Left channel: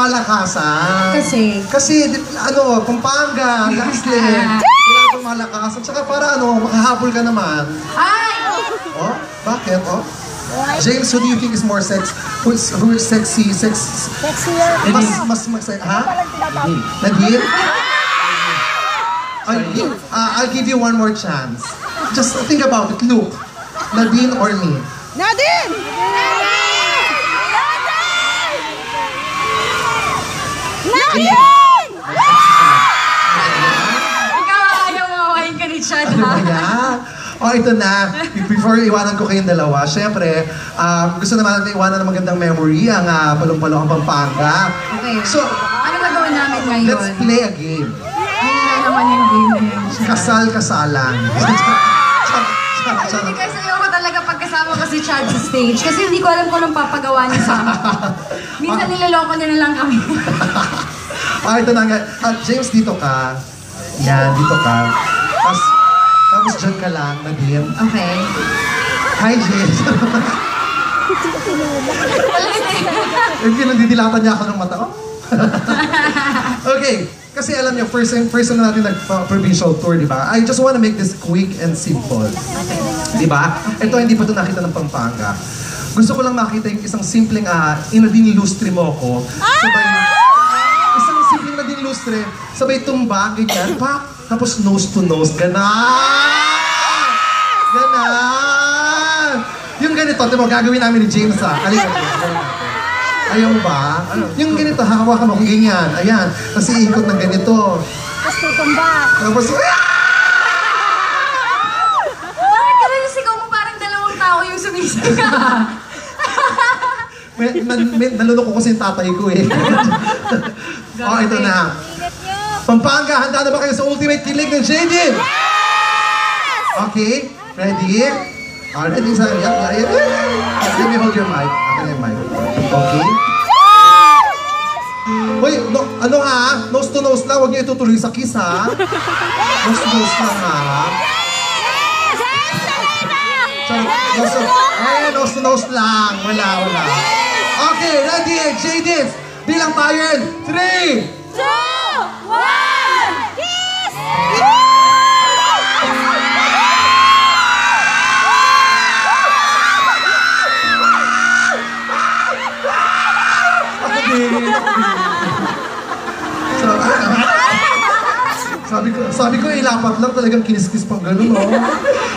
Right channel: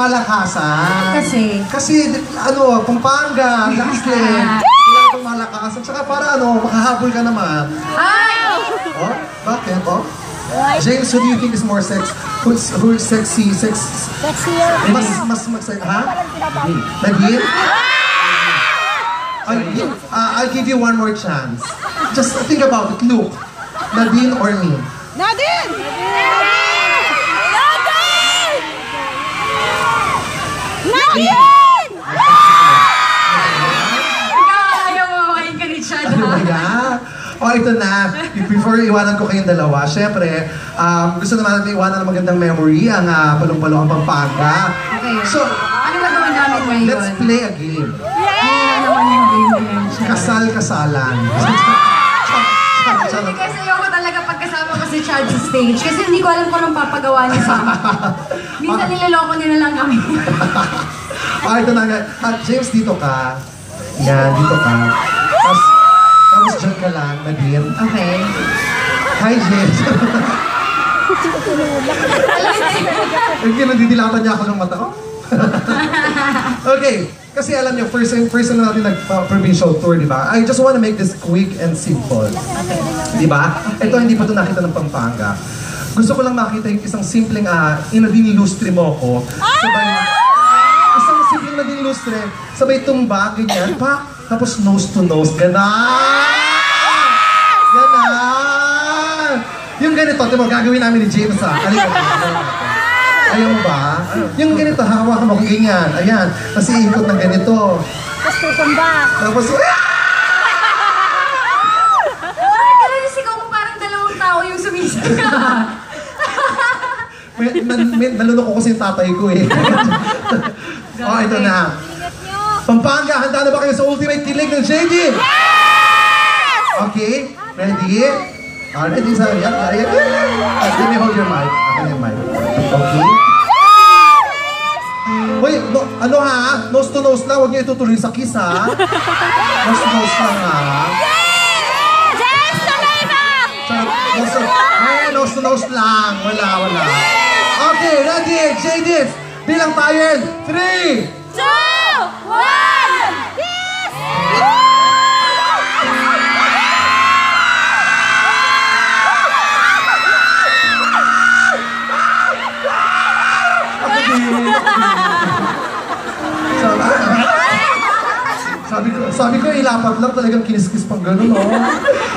malakasan. Kasi, ano, Pampanga, Laxle. Kailangan pong malakasan. Tsaka para, makahabol ka naman. Ay! Oh, bakit? Oh? James, who do you think is more who's sexy? Sexier. Mas ha? Nadim? I'll give you one more chance. Just think about it. Look, Nadine or me? Nadine! Nadine! Ikaw, ayaw mo makain ka ni Chad, ha? Oh, ito na. Before iwanan ko kayong dalawa, syempre, gusto naman natin iwanan ng magandang memory ang Palong-Palong Pampanga. Okay. So, ano gagawin namin ngayon? Let's play a game. Ano naman yung game na yun? Kasal-kasalan. Hindi kasi ayoko talaga pagkasama ko si Chad sa stage. Kasi hindi ko alam kung anong papagawa niya sa akin. Minsan niloloko niya na lang kami. Ito na. James, dito ka. Yan, dito ka. Tapos dyan ka lang, Nadine. Okay. Hi, James. Hindi, nagdidilatan niya ako ng mata. Okay. Kasi alam niyo, first time natin nag-provincial tour, di ba? I just want to make this quick and simple. Di ba? Ito, hindi pa ito nakita ng Pampanga. Gusto ko lang makita yung isang simpleng, inadinilustre mo ako. Sabay, isang simpleng nadinilustre, sabay tumba, ganyan, pa, tapos nose to nose, ganan! Ganan! Yung ganito, diba, gagawin namin ni James, Ayaw ba? Yung ganito, hawak mo, ganyan. Ayan. Kasi ikot ng ganito. Tapos tutumba. Tapos, Pero yung sigaw mo parang dalawang tao yung sumisigaw. nalunok ko kasi yung tatay ko eh. Ito na. Pampanga, handa na ba kayo sa ultimate kilig ng JD? Yes! Okay, ready? Ready, sir? Let me hold your mic. Okay? Uy, nose to nose lang. Huwag niyo itutuloy sa kiss, ha? Nose to nose lang, ha? Nose to nose lang. Wala. Okay, ready? JD, bilang tayo. 3, 2, 1, kiss! Sabi ko, ilapat lang talagang kinis-kiss pang gano'n, oh.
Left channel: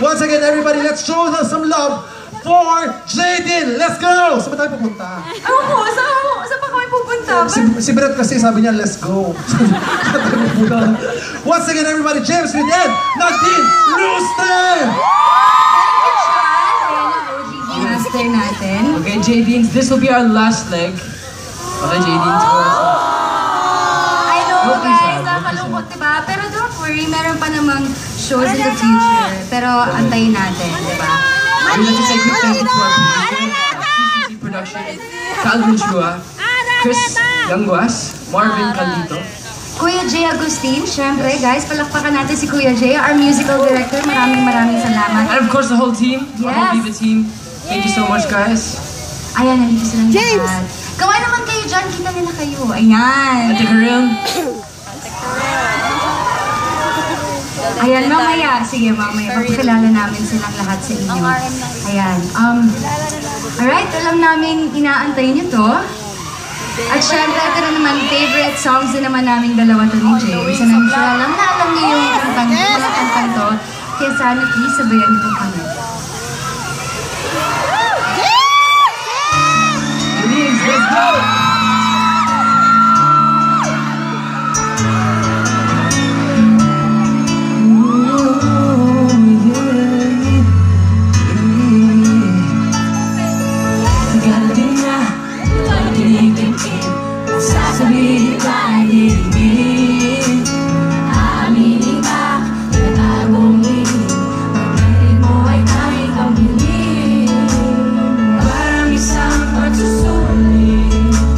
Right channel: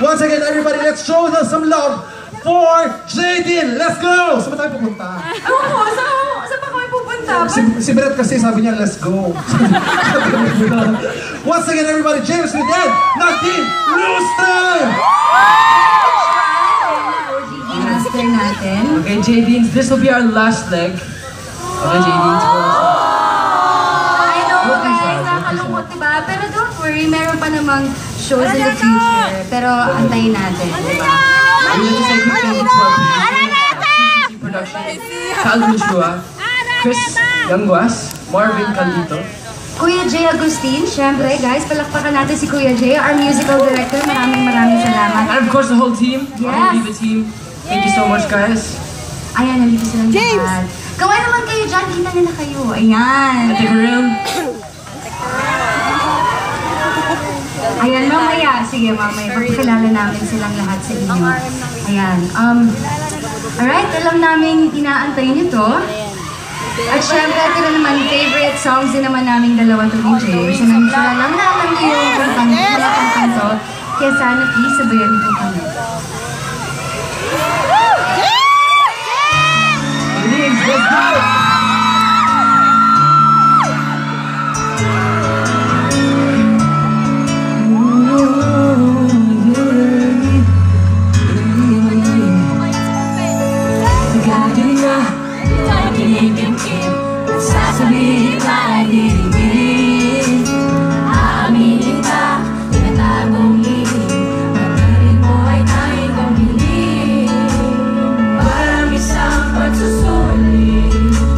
Once again, everybody, let's show them some love for Jaden. Let's go! Saan ba tayo pupunta? Saan pa kami pupunta? Si Brett kasi sabi niya, let's go. Once again, everybody, James with Ed, Nadine Lustre! Natin. Okay, Jadine, this will be our last leg. Okay, Jadine, I know, guys, nakalungkot, diba? Pero don't worry, meron pa namang shows in the future. Pero antayin natin, diba? we'd like to say good thank you to our CCC Production, Cal Joshua, Chris Langwas, Marvin Caldito, Kuya Jay Agustin, syempre, guys, palakpakan natin si Kuya Jay, our musical director. Maraming salamat. and of course the whole team, Yes. the whole Diva team. Thank you so much, guys. Ayan, nandito sila James! lahat. Gawin naman kayo dyan, kita nila kayo. Ayan. Ate Corinne. Ayan, mamaya. Sige, mamaya. Pagkakilala namin silang lahat sa inyo. Ayan. Alright, alam namin inaantay niyo to. At syempre, ito na naman, favorite songs din naman namin dalawa to ni James. And I'm sure alam niyo yung kantang to. Kaya sana please, sabayan niyo kami. Please, let's go! Sasabihin ka ay hinihiling, aaminin ka, tinatagong hiling, nagkarin mo ay tanging kang hiling, parang isang pagsusulit.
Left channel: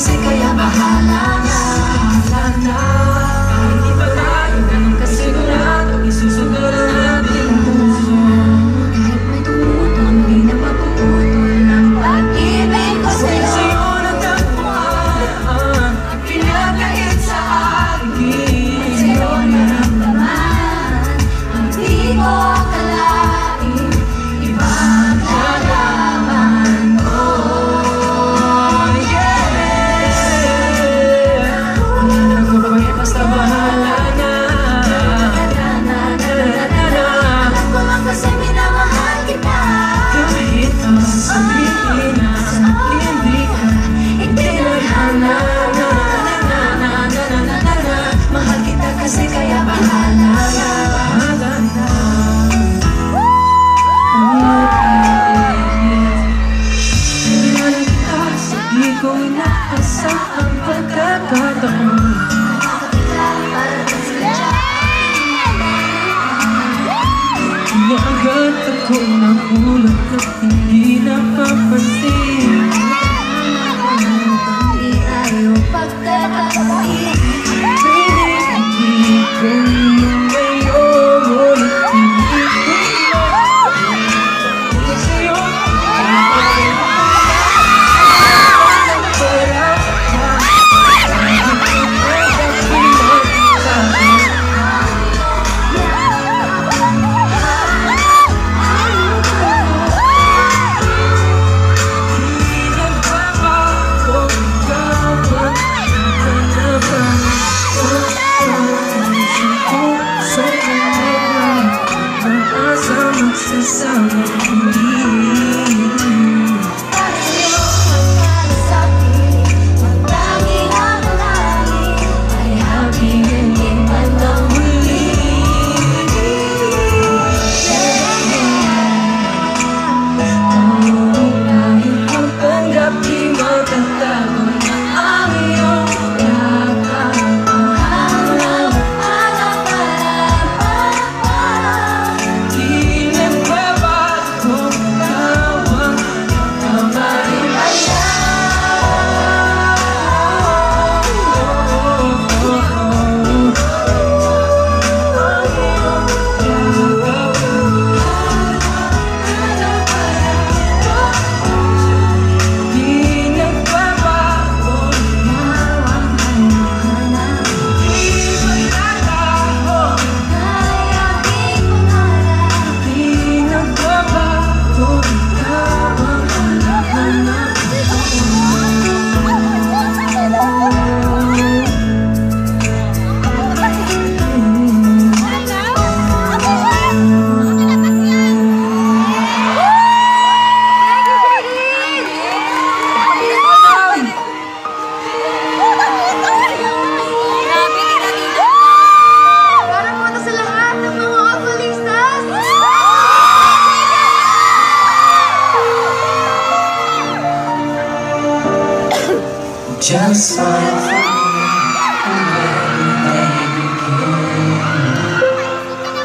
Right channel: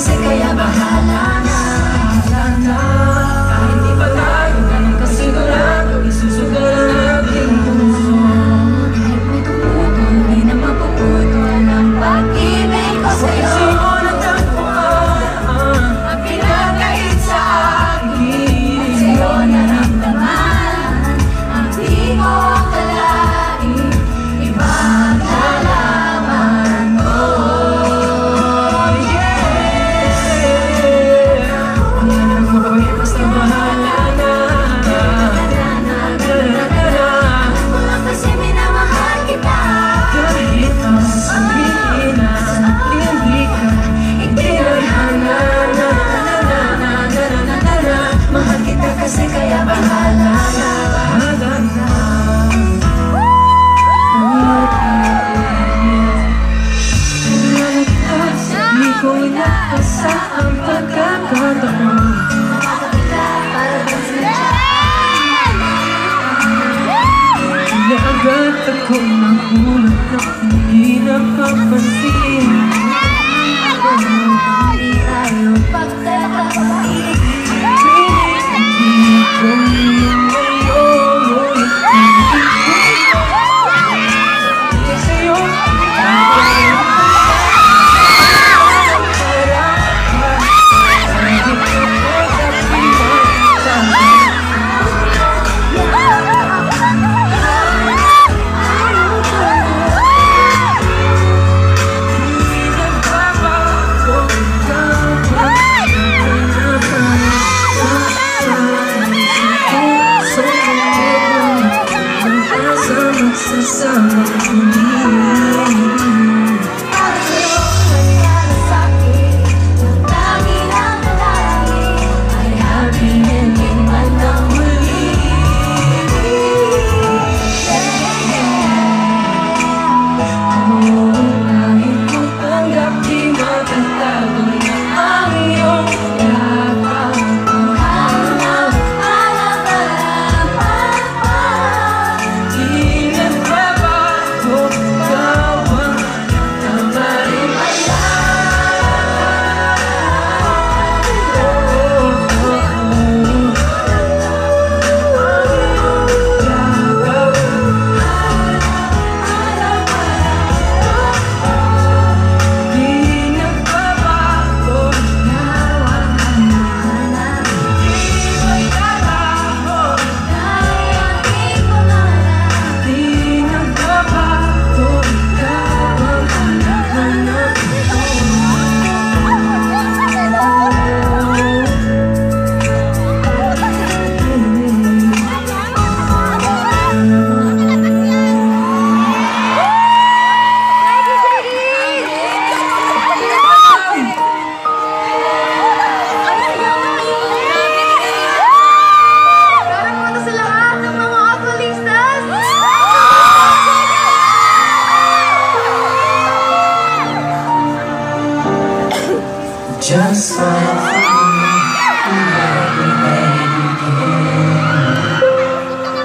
kasi kaya bahala na. Kahit di pa tayo ganun kasigurado, isusugaran natin ang puso. Kahit may tumutol, di na mapuputol ang pag-ibig ko sa'yo. Ang pinagkait sa akin, at sa'yo naramdaman ang di mo akalain, ipagdalaman mo. Basta bahala na. Alam ko lang kasi minamahal kita. Kahit masasabihin na hindi ka itinadhana. Mahal kita kasi kaya bahala na. Di ko inaasa ang pagkakataon. Agad ako mahulog at hindi napapansin. Hindi tayo pagkakapit. Hindi ko yung ngayon, ngunit hindi ko sa'yo. Sasama hindi para sa'yo nangyari sa'kin. Ang tanging nakalangin ay happy ending man ang muli. Kahit magpanggap di matatago na ang iyong lakad. Ang hanap-hanap ka lang pagpapag. Di nagbabago bawang kabaliwala. Di nagbabago bawang kabaliwala. Di magbabago kaya di pangarap. Di nagbabago ikaw ang halahanap ko. Para muna sa lahat ng mga pulistas. Just like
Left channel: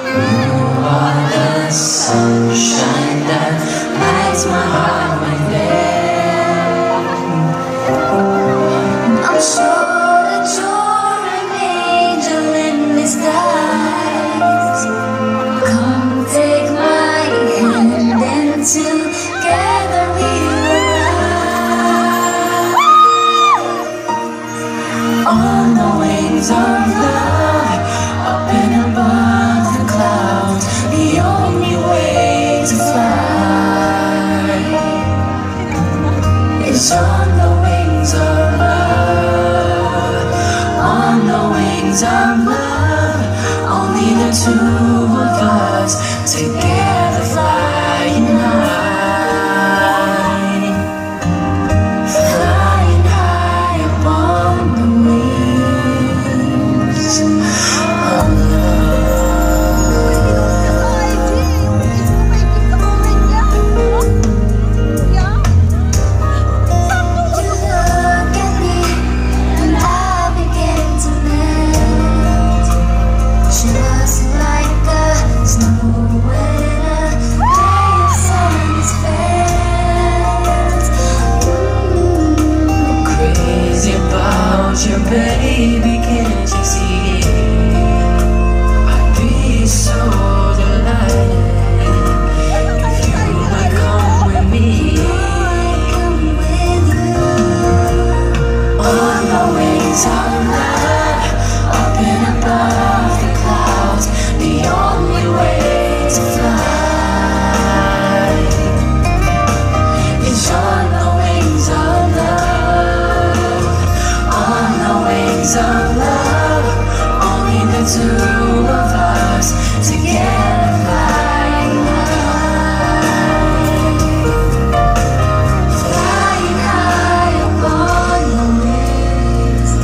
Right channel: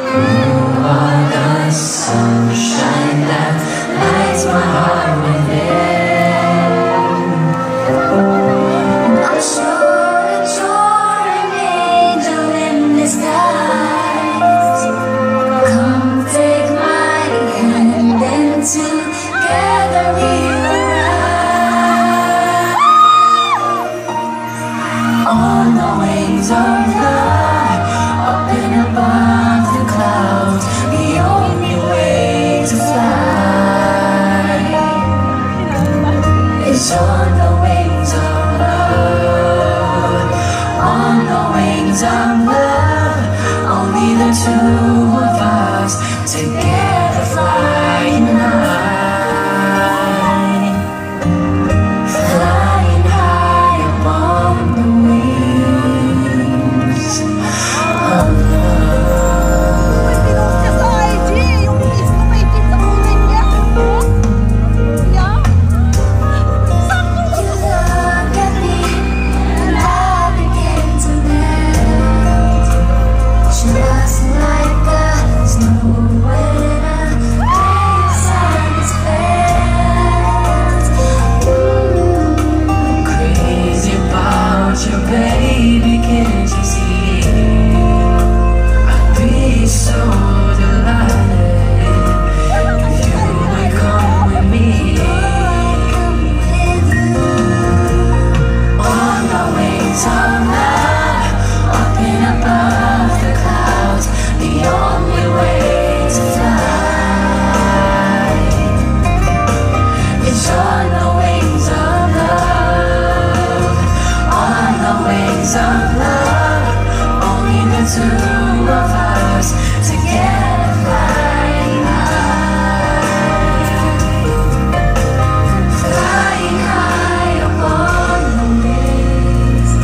you are the sunshine that lights my heart within. I'm sure that you're an angel in disguise. Come take my hand and together we will ride on the wings of love, up and above the clouds, the only way to fly is on the wings of love, on the wings of love, only the two of us together flying high, flying high upon the wings of love. Just like want you, baby, can't you see? I'd be so delighted if you would come with me. On the wings of love, up and above the clouds, the only way to fly is on the wings of love. On the wings of love, only the two of us together flying high, flying high upon the wings of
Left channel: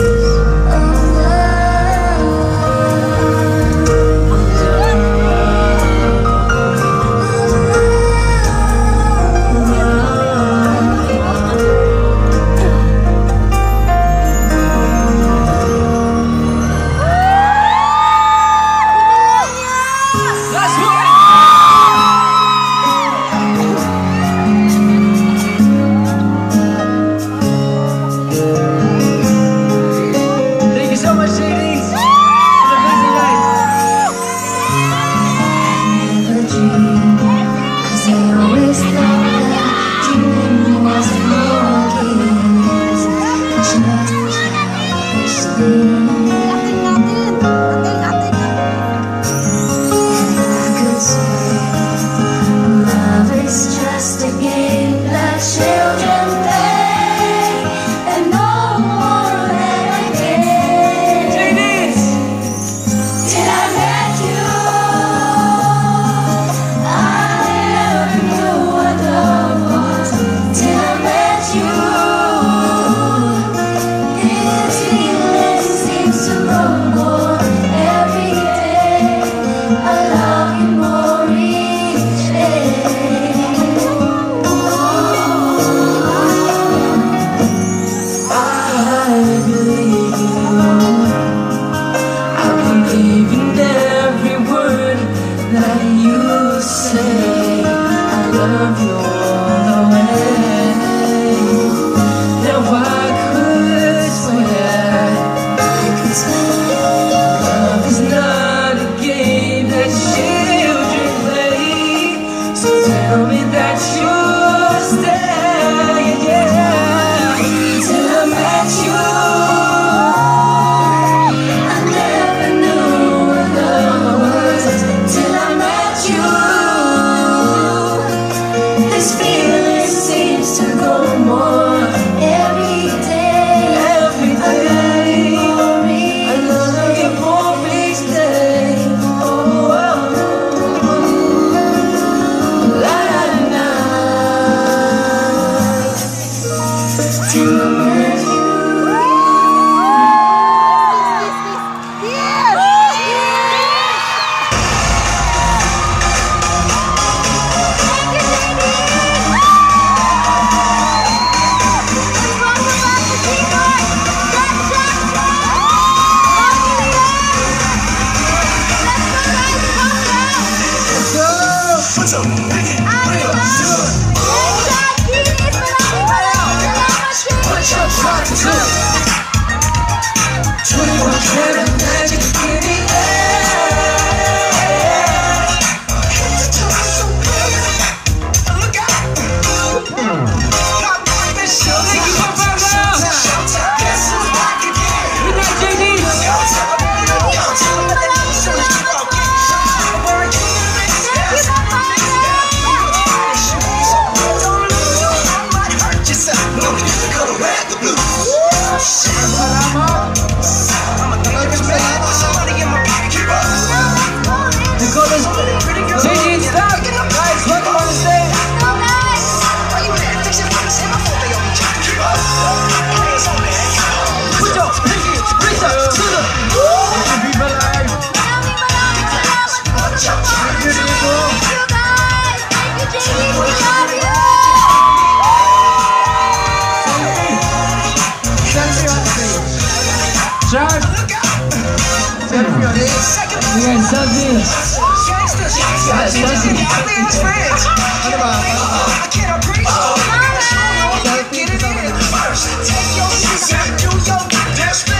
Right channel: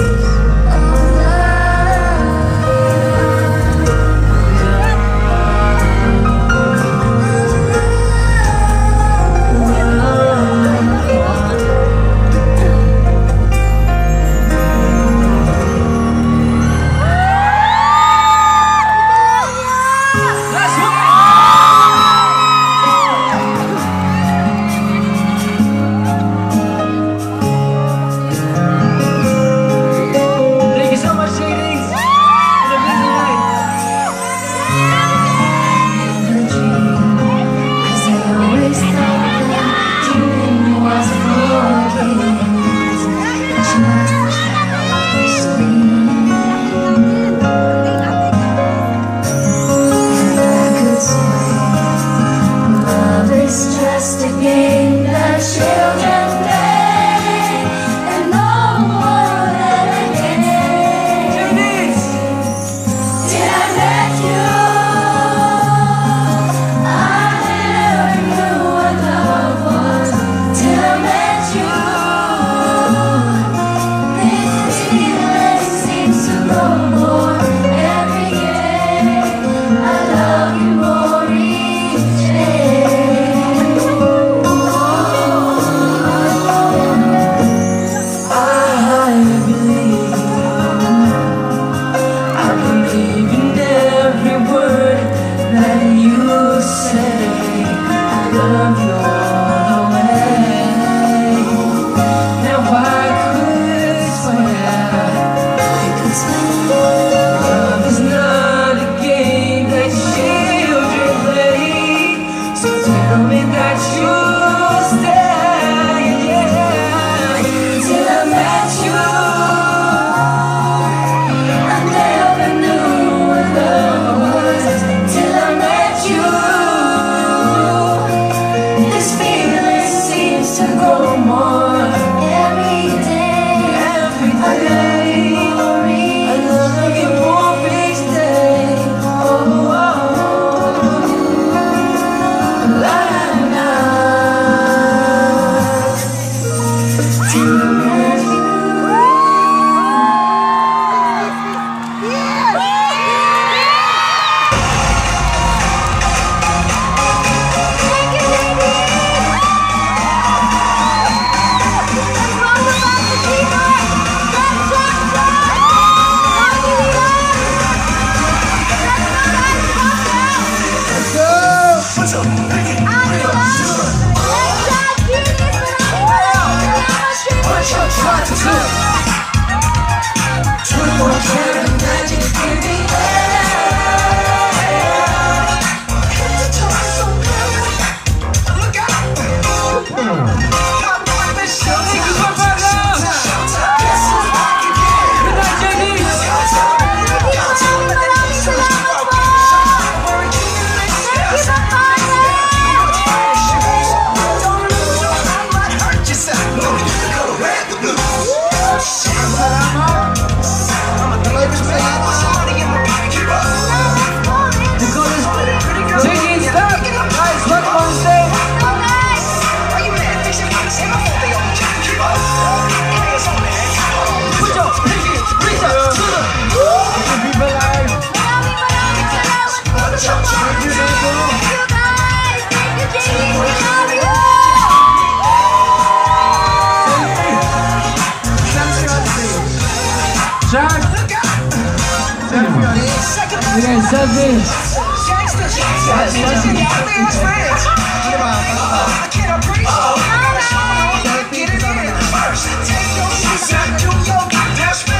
Yes,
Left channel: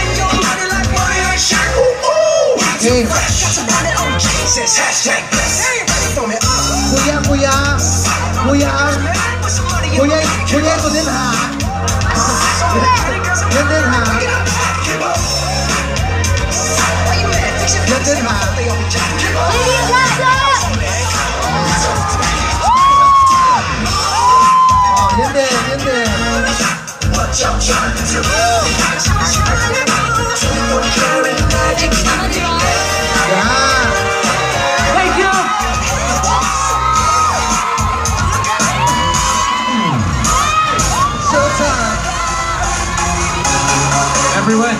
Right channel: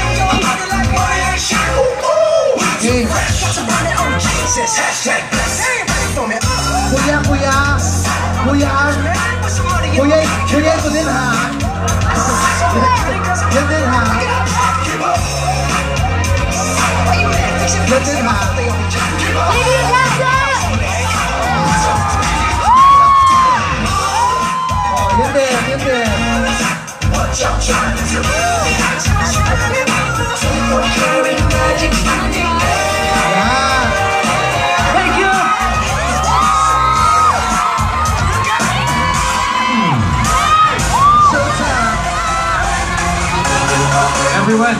Okay. Kuya, ito din ha. Yan din ha. Yan din ha. Yan din. Thank you! Showtime! Everyone.